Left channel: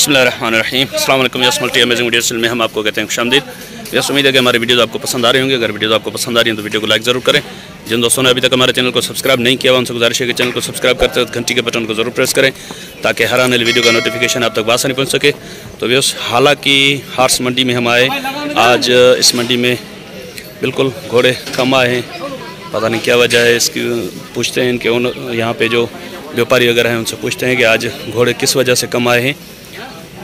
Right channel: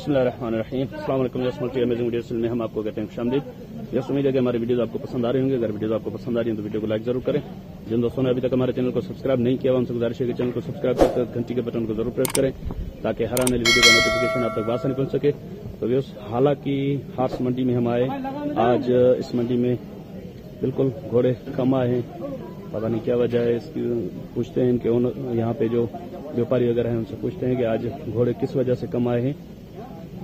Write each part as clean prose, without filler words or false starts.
बिस्मिल्लाहिर्रहमानिर्रहीम। अस्सलाम वालेकुम। यस मल्टी अमेजिंग वीडियोस में हम आपको कहते हैं खुशामदीद। यस उम्मीद है कि हमारी वीडियोस आपको पसंद आ रही होंगी। अगर वीडियोस आपको पसंद आ रही हैं तो वीडियो को लाइक ज़रूर करें। जिन दोस्तों ने अभी तक हमारे चैनल को सब्सक्राइब नहीं किया उनसे गुजारिश है कि चैनल को सब्सक्राइब करते वक्त घंटी के बटन को ज़रूर प्रेस करें ताकि हर आने वाली वीडियो का नोटिफिकेशन आप तक बासानी पहुँच सके। तो व्यस हालाँकि हार्स मंडी में हम आए, आज इस मंडी में बिल्कुल घोड़े कम आए हैं। पता नहीं क्या वजह है इसकी, पूछते हैं इनके ओनर यहाँ पे जो व्यापारी वगैरह हैं उनसे पूछते हैं कि आज घोड़े किस वजह से कम आए हैं।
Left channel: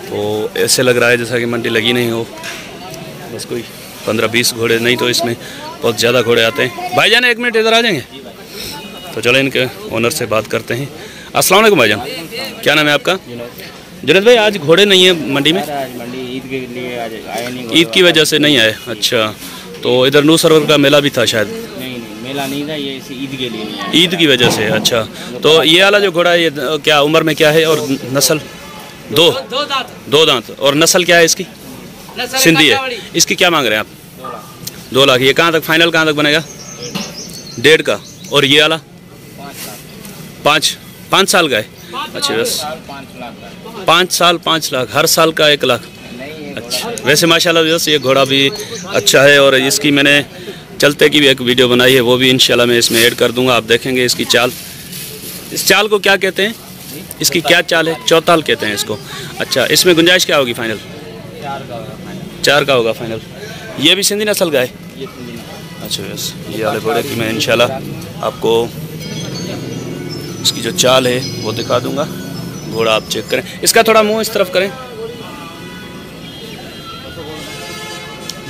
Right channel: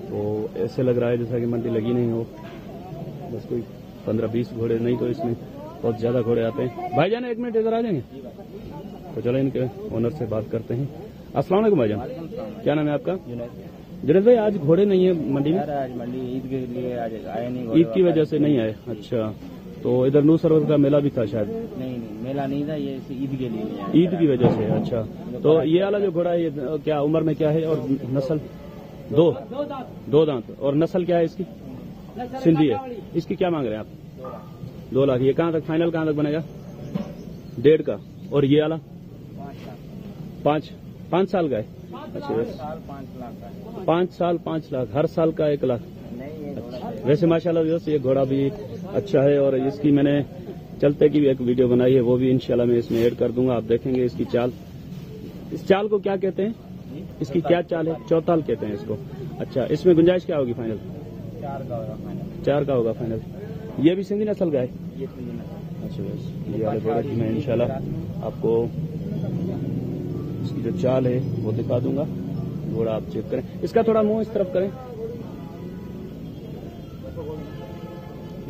तो ऐसे लग रहा है जैसा कि मंडी लगी नहीं हो, बस कोई 15-20 घोड़े, नहीं तो इसमें बहुत ज़्यादा घोड़े आते हैं। भाईजान एक मिनट इधर आ जाएंगे, तो चलो इनके ओनर से बात करते हैं। अस्सलाम वालेकुम भाईजान, क्या नाम है आपका? जुनैद भाई, आज घोड़े नहीं है मंडी में? आज मंडी ईद के लिए आज आए नहीं, ईद की वजह से नहीं आए। अच्छा, तो इधर नू सरवर का मेला भी था शायद? नहीं मेला नहीं था, ये ईद के लिए नहीं आए। ईद की वजह से। अच्छा, तो ये वाला जो घोड़ा है ये क्या उम्र में क्या है और नस्ल? दो दांत। और नस्ल क्या है इसकी? सिंधी है। इसकी क्या मांग रहे हैं आप? 2 लाख। ये कहाँ तक फाइनल कहाँ तक बनेगा? 1.5 का। और ये वाला 5 साल का है? अच्छा, बस 5 साल 5 लाख, हर साल का 1 लाख। अच्छा, वैसे माशाल्लाह बस ये घोड़ा भी अच्छा है और इसकी मैंने चलते की भी एक वीडियो बनाई है, वो भी इंशाल्लाह मैं इसमें ऐड कर दूंगा। आप देखेंगे इसकी चाल। इस चाल को क्या कहते हैं? इसकी क्या चाल है? चौताल कहते हैं इसको। अच्छा, इसमें गुंजाइश क्या होगी फाइनल? 4 का होगा फाइनल। ये भी सिंधी नस्ल का है? अच्छा, बस ये वाले घोड़े की मैं इंशाल्लाह आपको इसकी जो चाल है वो दिखा दूंगा। घोड़ा आप चेक करें, इसका थोड़ा मुंह इस तरफ करें,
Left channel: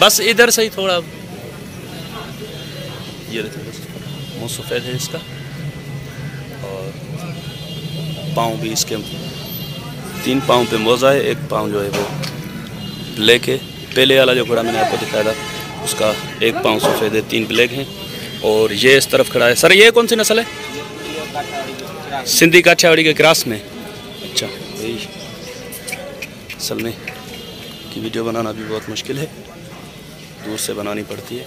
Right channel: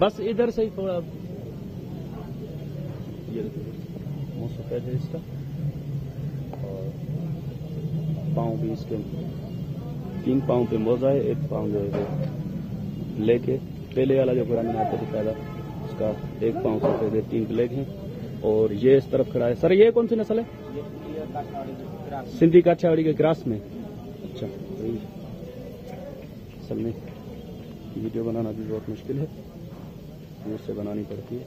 बस इधर से ही थोड़ा। ये मुंह सफ़ेद है इसका और पाँव भी इसके 3 पाँव पे मोज़ा है, 1 पाँव जो है वो ब्लैक है। पहले वाला जो घोड़ा मैंने आपको दिखाया था उसका 1 पाँव सफ़ेद है, 3 ब्लैक हैं। और ये इस तरफ खड़ा है। सर ये कौन सी नस्ल है? सिंधी काठियावाड़ी के क्रॉस में। अच्छा, यही असल में की वीडियो बनाना भी बहुत मुश्किल है, दूर से बनानी पड़ती है।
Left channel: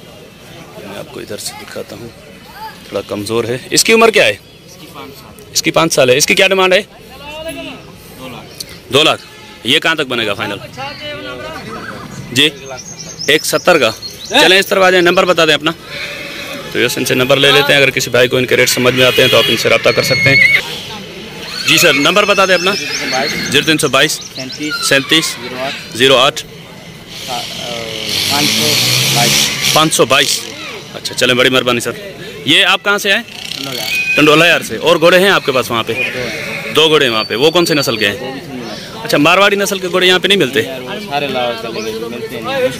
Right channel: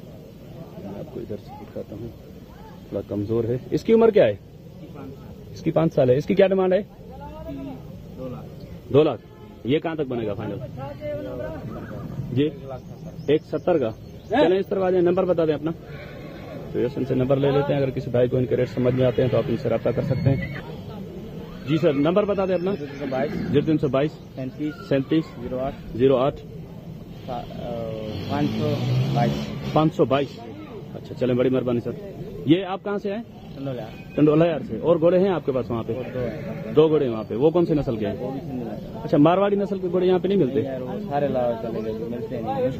मैं आपको इधर से दिखाता हूँ, थोड़ा कमज़ोर है। इसकी उम्र क्या है? इसकी 5 साल है। इसकी क्या डिमांड है? 2 लाख। ये कहाँ तक बनेगा फाइनल जी? 170 का। चलें इस तरफ आ जाए, नंबर बता दें अपना। तो यस, इनसे नंबर ले लेते हैं। अगर किसी भाई को इनके रेट समझ में आते हैं तो आप इनसे रब्ता कर सकते हैं। जी सर, नंबर बता दें अपना। 0322 37 08 522। अच्छा, चलें, बड़ी मेहरबानी सर। ये आप कहाँ से आए? टंडोला यार से। और घोड़े हैं आपके पास वहाँ पे? 2 घोड़े हैं वहाँ पे। वो कौन से नस्ल के हैं? अच्छा, मारवाड़ी नस्ल के घोड़े यहाँ पे नहीं मिलते?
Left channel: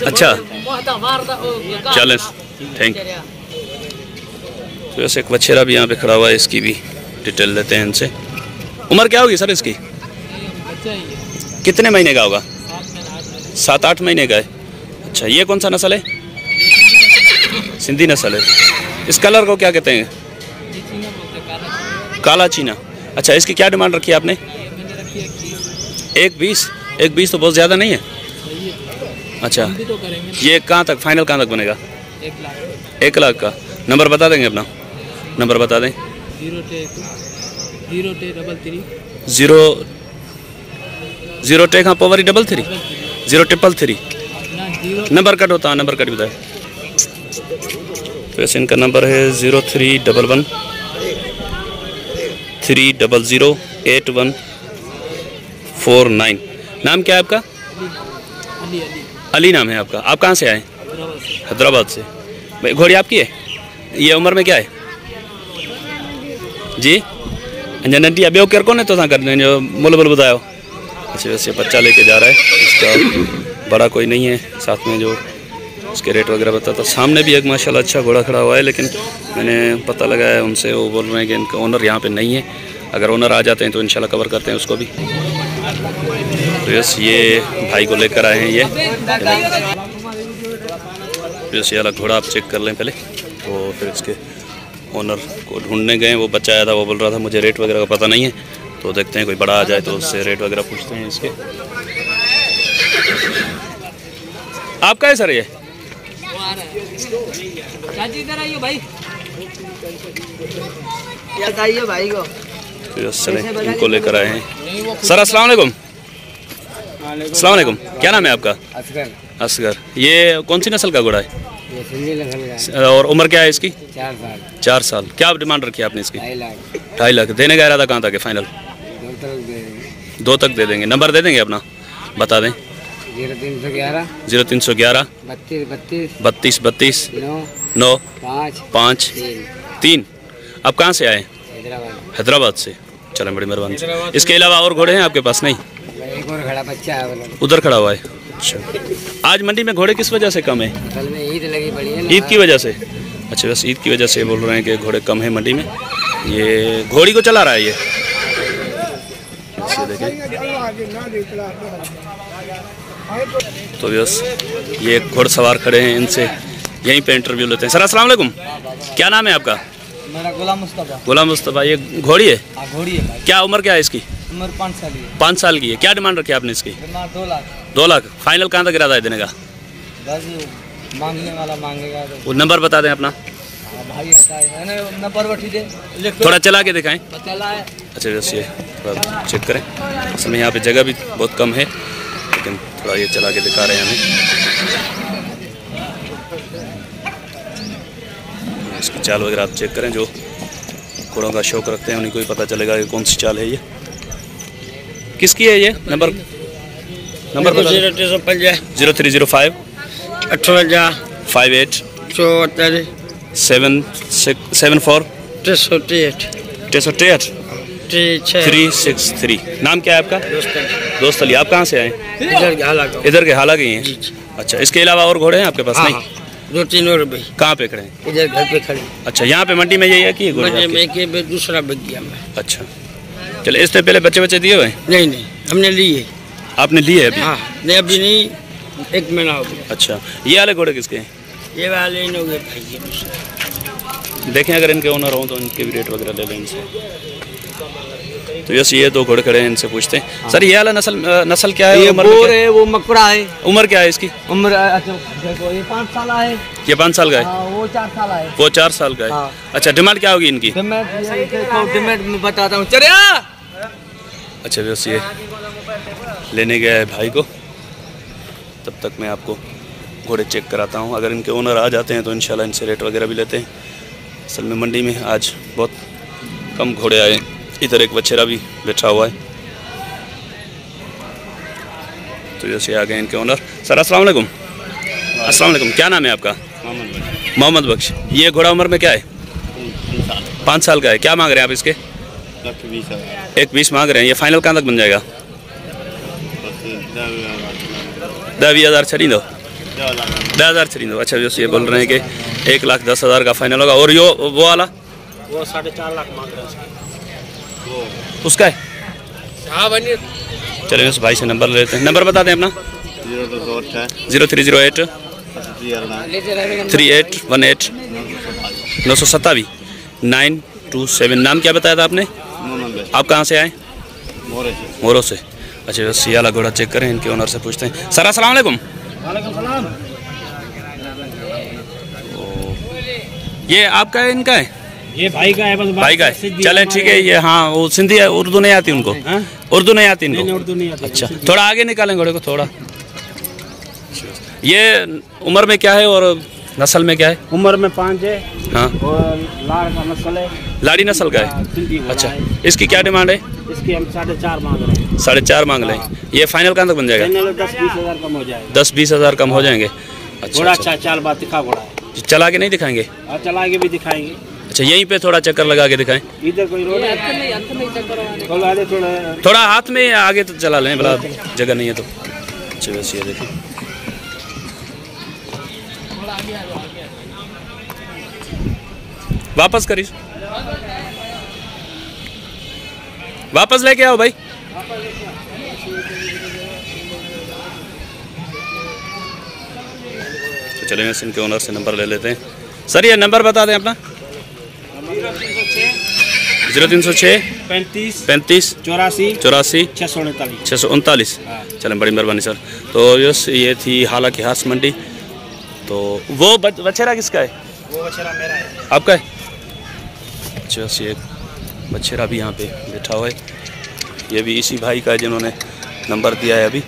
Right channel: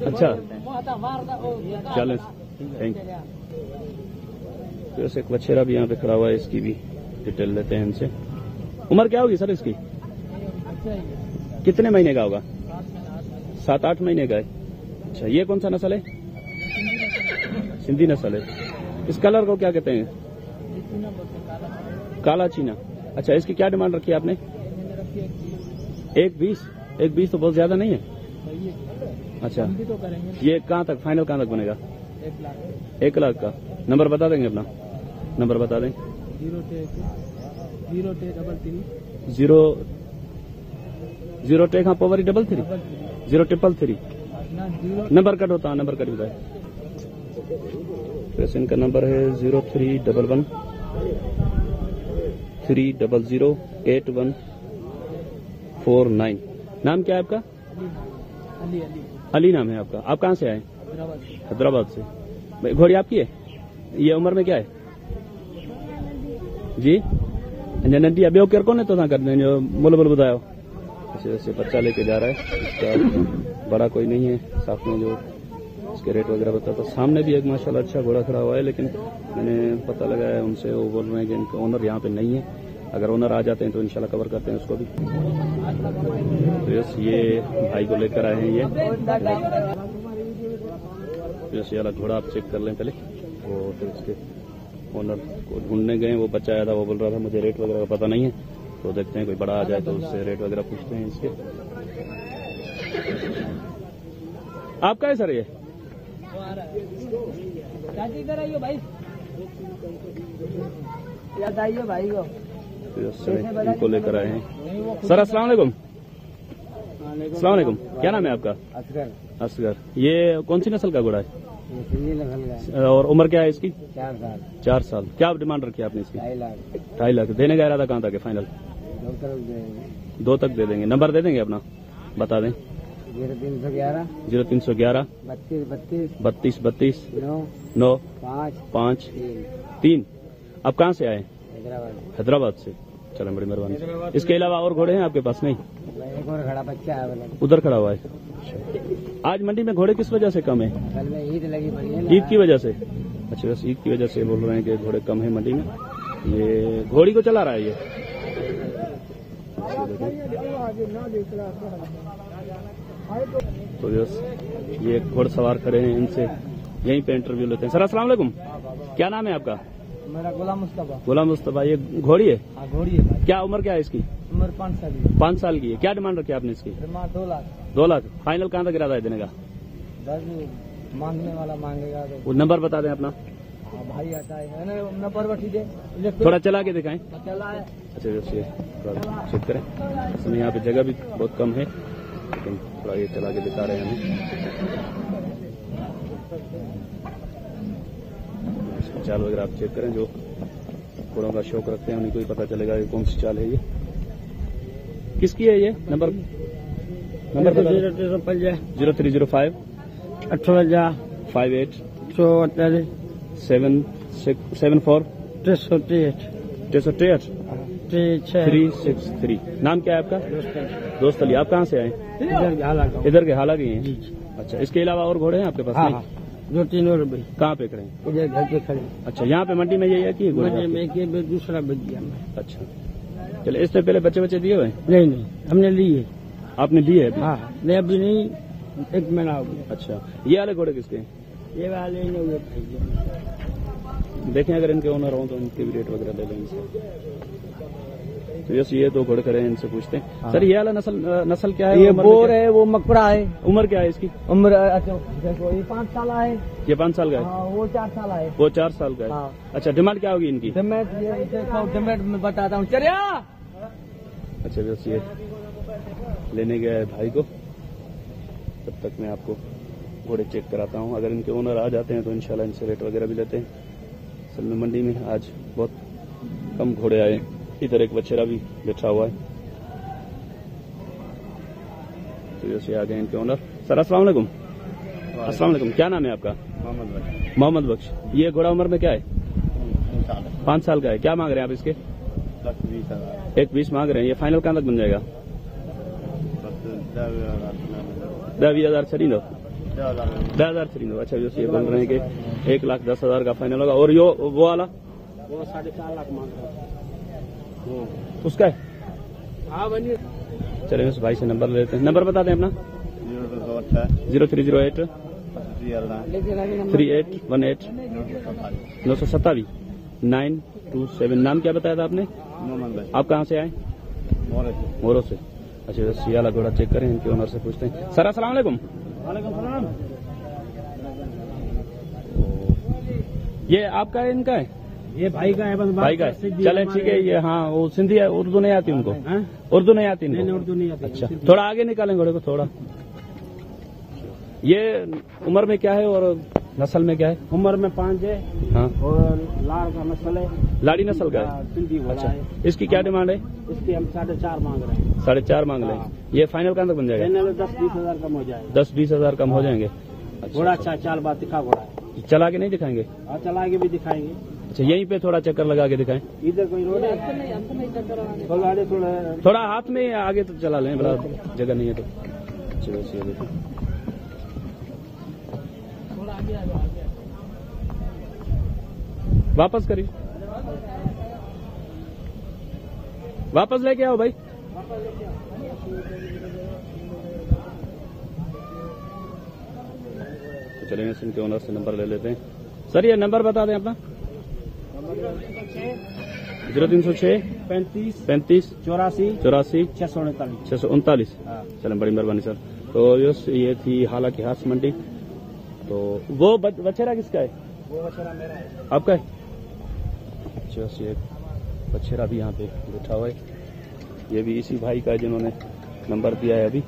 अच्छा, चलें, थैंक यू। तो ऐसे एक बछेरा भी यहाँ पे खड़ा हुआ है, इसकी भी डिटेल लेते हैं इनसे। उम्र क्या होगी सर इसकी? कितने महीने का होगा? 7-8 महीने का है। अच्छा, ये कौन सा नस्ल है? सिंधी नस्ल है। इस कलर को क्या कहते हैं? काला चीना। अच्छा, इसकी क्या डिमांड रखी है आपने? 1.20 तो बहुत ज़्यादा नहीं है। अच्छा, ये कहाँ तक फाइनल कहाँ तक बनेगा? 1 लाख का। नंबर बता देंगे अपना? नंबर बता दें। 0 टेक हाँ पवरी 33 033। नंबर कट होता है, नंबर कट बताए। तो ऐसे इनका नंबर है 0311 300 8149। नाम क्या है आपका? अली नाम है आपका। आप कहाँ से आए? हैदराबाद से। भाई घोड़ी आपकी है? ये उम्र में क्या है जी? अंजा नंटी अभी केर को तो कर जो मुल बुल बताओ। अच्छा, वैसे बच्चा लेके जा रहा है, इसका बड़ा कोई नहीं है। साथ में जो उसके रेट वगैरह बताता। सामने भी एक माशाल्लाह अच्छा घोड़ा खड़ा हुआ है, लेकिन मैंने पता लगाया उनसे, वो बोल रहे हैं कि इनका ओनर यहाँ पे नहीं है। अगर ओनर आ जाते हैं तो इंशाल्लाह कवर करते हैं उसको भी। तो यस, ये भाई को लेकर आए हैं। ये वाला घोड़ा आप चेक कर लें पहले। तो फिर इसके ओनर को ढूंढने गए, वो बच्चा आया था, वो बोल रहा था मुझे रेट वगैरह का पता नहीं है। तो देखते हैं कोई बड़ा आ जाए तो उससे रेट वगैरह पूछते हैं इसके। आपका है सर ये? इधर आइए भाई। बताइए भाई को। इनको लेकर आए हैं। सर अस्सलाम वालेकुम। अस्सलाम वालेकुम, क्या नाम है आपका? असगर। असगर। ये कौन सी नस्ल का घोड़ा है ये सिंधी नस्ल का और उम्र क्या है इसकी? 4 साल। 4 साल। क्या डिमांड रखी है आपने इसकी? 2.5 लाख। 2.5 लाख। देने का इरादा कहाँ तक है फाइनल? 2 तक दे देंगे। 2 तक दे देंगे। नंबर दे देंगे अपना, बता दें। 0311 0311 32 32 9 9 5 5 3 3। आप कहाँ से आए? हैदराबाद। हैदराबाद से। चलें, बड़ी मेहरबानी। इसके अलावा और घोड़े हैं आपके पास? नहीं, एक और खड़ा बच्चा है वाला। उधर खड़ा हुआ है। अच्छा, आज मंडी में घोड़े किस वजह से कम है? असल में ईद लगी पड़ी है ना। ईद की वजह से? अच्छा, बस ईद की वजह से बोल रहे हैं कि घोड़े कम है मंडी में। ये घोड़ी को चला रहा है ये देखें। तो बस ये घोड़सवार खड़े हैं, इनसे यहीं पे इंटरव्यू लेते हैं। सर अस्सलाम वालेकुम, क्या नाम है आपका? मेरा गुलाम मुस्तफा। गुलाम मुस्तफा। ये घोड़ी है? हाँ, घोड़ी है भाई। क्या उम्र क्या है इसकी? उम्र 5 साल की है। 5 साल की है। क्या डिमांड रखी है आपने इसकी? डिमांड 2 लाख। 2 लाख। फाइनल कहाँ तक इरादा है देने का? बस मांगने वाला मांगेगा तो। वो नंबर बता दें अपना। हाँ भाई, आता है ना नंबर बैठी दे। थोड़ा चला के दिखाएं। चला है। अच्छा, बस ये थोड़ा चेक करें। असल में यहाँ पे जगह भी बहुत कम है, लेकिन थोड़ा ये चला के दिखा रहे हैं हमें। इसकी चाल वगैरह आप चेक करें। जो घोड़ों का शौक रखते हैं उन्हीं को ही पता चलेगा कि कौन सी चाल है ये। किसकी है ये? नंबर बता। 0305 58 58 74 74 368 363। नाम क्या है आपका? दोस्त अली। आप कहाँ से आए? इधर के हाला गए हैं। अच्छा, इसके अलावा और घोड़े हैं आपके पास? नहीं, 2-3 और भाई। कहाँ पे खड़े हैं? इधर घर पे खड़े। अच्छा, यहाँ पे मंडी में यही है कि ये घोड़े आपके? मंडी में दूसरा बच गया मैं। अच्छा, चले। इससे पहले बच्चे दिए हुए हैं? नहीं, हमने ली है। आपने लिए अभी? हाँ, नहीं अभी नहीं, 1 महीना हो गया। अच्छा, ये वाले घोड़े किसके हैं? ये वाले इन हो गए भाई, ये दूसरा। देखें, अगर इनके ओनर हों तो इनके भी रेट वगैरह ले लें इनसे। तो यस, ये 2 घोड़े खड़े हैं, इनसे पूछते हैं। हाँ। सर, ये वाला नस्ल क्या है? ये बोर है, वो मकड़ा है। उम्र क्या है इसकी? उम्र अच्छा देखो, ये 5 साल है। ये 5 साल का है? हाँ, वो 4 साल है। वो 4 साल का है। हाँ। अच्छा, डिमांड क्या होगी इनकी? डिमांड में बताता हूँ। चलिए। अच्छा, बस ये लेने गया है भाई को। तब तक मैं आपको घोड़े चेक कराता हूँ। अगर इनके ओनर आ जाते हैं तो इंशाल्लाह इनसे रेट वगैरह भी लेते हैं। असल में मंडी में आज बहुत कम घोड़े आए। इधर एक बछेरा भी बैठा हुआ है। तो जैसे आ गए इनके ओनर। सर अस्सलाम वालेकुम। अस्सलाम वालेकुम, क्या नाम है आपका? मोहम्मद बख्श। ये घोड़ा उम्र में क्या है? 5 साल का है। क्या मांग रहे हैं आप इसके? 1,20 मांग रहे हैं। ये फाइनल कहाँ तक बन जाएगा? 10,000 छड़ी दो। 10,000 छड़ी दो। अच्छा, जो ये बोल रहे हैं कि 1,10,000 का फाइनल होगा। और यो वो वाला? वो 4.5 लाख मांग रहे हैं उसका है? हाँ बनिए। चलिए, उस भाई से नंबर ले लेते हैं। नंबर बता दें अपना। 0308 3818 927 927। नाम क्या बताया था आपने? आप कहाँ से आए? मोरो से। अच्छा, बस ये वाला घोड़ा चेक करें, इनके ओनर से पूछते हैं। सर अस्सलाम वालेकुम। ये आपका है इनका है? ये भाई का है। बस भाई का है। चले, ठीक है। ये हाँ, वो सिंधी है, उर्दू नहीं आती उनको? उर्दू नहीं आती इनको? उर्दू नहीं आती। अच्छा, थोड़ा आगे निकालें घोड़े को थोड़ा। ये उम्र में क्या है और नस्ल में क्या है? उम्र में 5 है। हाँ, और लाड़ का नस्ल है। लाड़ी नस्ल का है। अच्छा, इसकी क्या डिमांड है? इसकी हम 4.5 मांग रहे हैं। 4.5 मांग रहे हैं। ये फाइनल कहाँ तक बन जाएगा? 10-20 हज़ार कम हो जाएगा। 10-20 हज़ार कम हो जाएंगे। घोड़ा अच्छा, चाल बात दिखा घोड़ा है। चला के नहीं दिखाएंगे? चला के भी दिखाएंगे। अच्छा, यहीं पे थोड़ा चक्कर लगा के दिखाएं। इधर कोई रोड है? थोड़ा हाथ में आगे तो चला लें, भला जगह नहीं है तो। अच्छा, बस ये देखिए। वापस करिए, वापस लेके आओ भाई। तो चलेंगे, इनके ओनर से नंबर ले लेते हैं। सर, ये नंबर बता दें अपना। 0306 35 84 639। चलें, बड़ी मेहरबानी सर। तो यस, ये थी हालांकि हास मंडी। तो वो बछेरा किसका है? वो बछेरा मेरा है। आपका है? अच्छा, ये बछेरा भी यहाँ पे बैठा हुआ है। ये भी इसी भाई का है जिन्होंने नंबर दिया है अभी।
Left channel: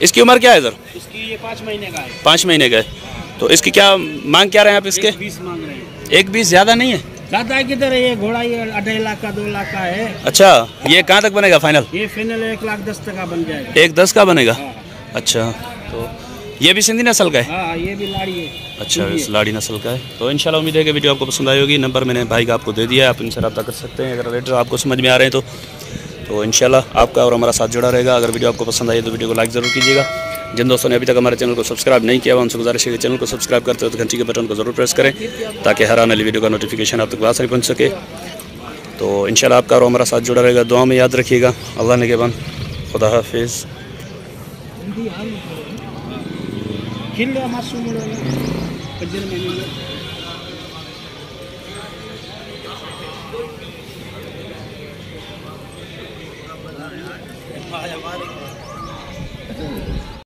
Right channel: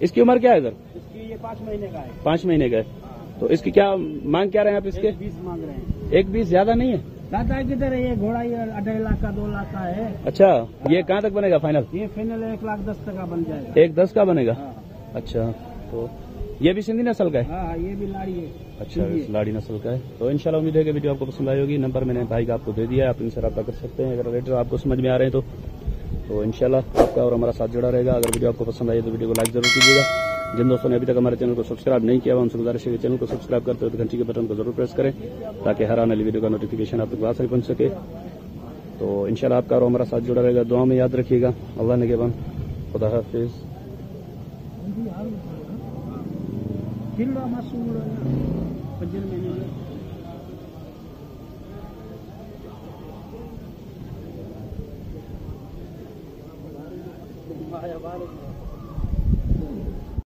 इसकी उम्र क्या है सर? इसकी ये 5 महीने का है। 5 महीने का है। तो इसकी क्या मांग क्या रहे हैं आप इसके? 20 मांग रहे हैं। 1-20 ज़्यादा नहीं है? ज़्यादा है किधर है, ये घोड़ा ये 2.5 लाख का 2 लाख का है। अच्छा, ये कहाँ तक बनेगा फाइनल? ये फाइनल 1,10,000 तक का बन जाएगा। 1-10 का बनेगा? हाँ अच्छा, तो ये भी सिंधी नस्ल का है? हाँ, ये भी लाड़ी है। अच्छा, इस लाड़ी नस्ल का है। तो इंशाल्लाह उम्मीद है कि वीडियो आपको पसंद आई होगी। नंबर मैंने भाई का आपको दे दिया है, आप इनसे रब्ता कर सकते हैं अगर रेट आपको समझ में आ रहे हैं तो इंशाल्लाह आपका और हमारा साथ जुड़ा रहेगा। अगर वीडियो आपको पसंद आई तो वीडियो को लाइक ज़रूर कीजिएगा। जिन दोस्तों ने अभी तक हमारे चैनल को सब्सक्राइब नहीं किया हुआ उनसे गुजारिश है कि चैनल को सब्सक्राइब करते हो तो घंटी के बटन को ज़रूर प्रेस करें ताकि हर आने वाली वीडियो का नोटिफिकेशन आप तक आसानी पहुँच सके। तो इंशाल्लाह आपका और हमारा साथ जुड़ा रहेगा। दुआ में याद रखिएगा। अल्लाह ने के बाद खुदा हाफिज़। खिल मासूम